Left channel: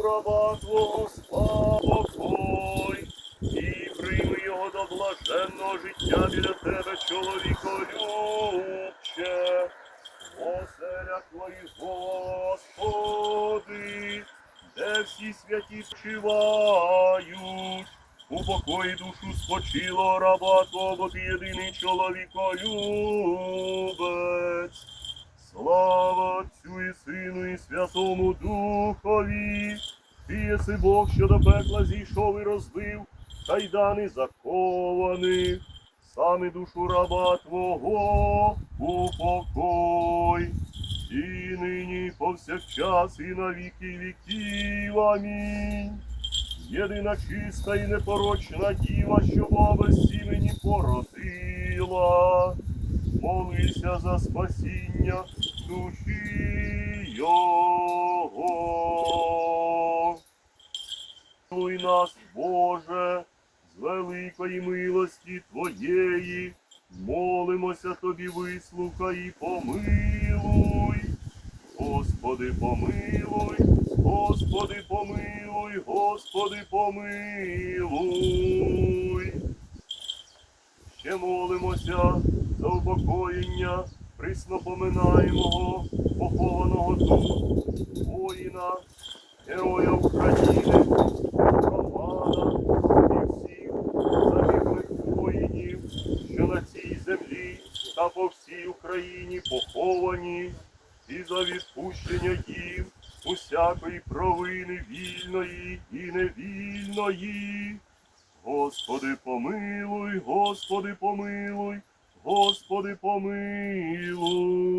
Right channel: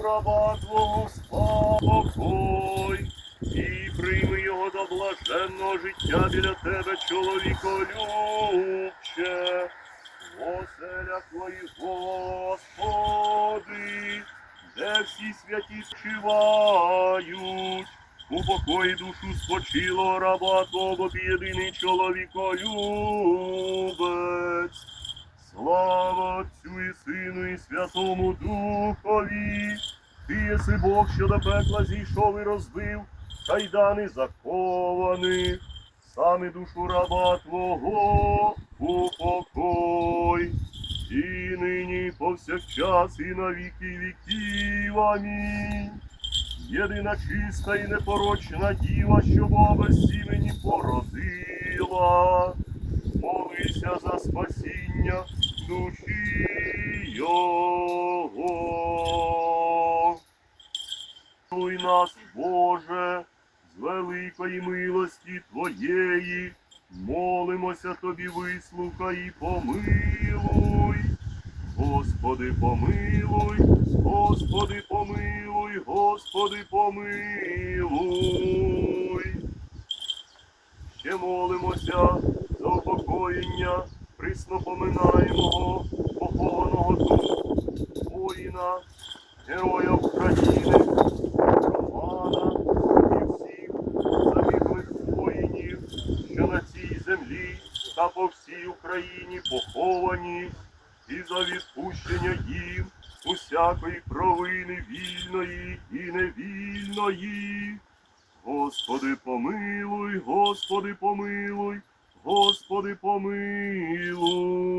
раба Твого спокой, і прийми його до блаженного життя біля тебе, чоловіколюбче. Оселя Твої, Господи, де всі святі спочивають. Упокої душу спочило раба Твого, єдиний чоловіколюбець. Слава Отцю і Сину і Святому Духові. Ти єси Бог, що до пекла зійшов і розбив, кайдани закованих, саме душу раба Твого упокой. І нині, повсякчас, і на віки віків. Амінь. Єдина чиста і непорочна діва, що Бога сімені породила. Молися за спасіння душі Його. Милуй нас, Боже, з великої милості Твоєї, молимося Тобі, вислухай і помилуй. Господи, помилуй, Господи, помилуй, Господи, помилуй. Ще молимося за упокоєння приснопоминаємого похованого тут воїна, героя України, Романа і всіх воїнів, що на цій землі та по всій Україні поховані, і за відпущення їм усякої провини вільної і невільної. Господи, помилуй, Господи, помилуй, Господи помилуй.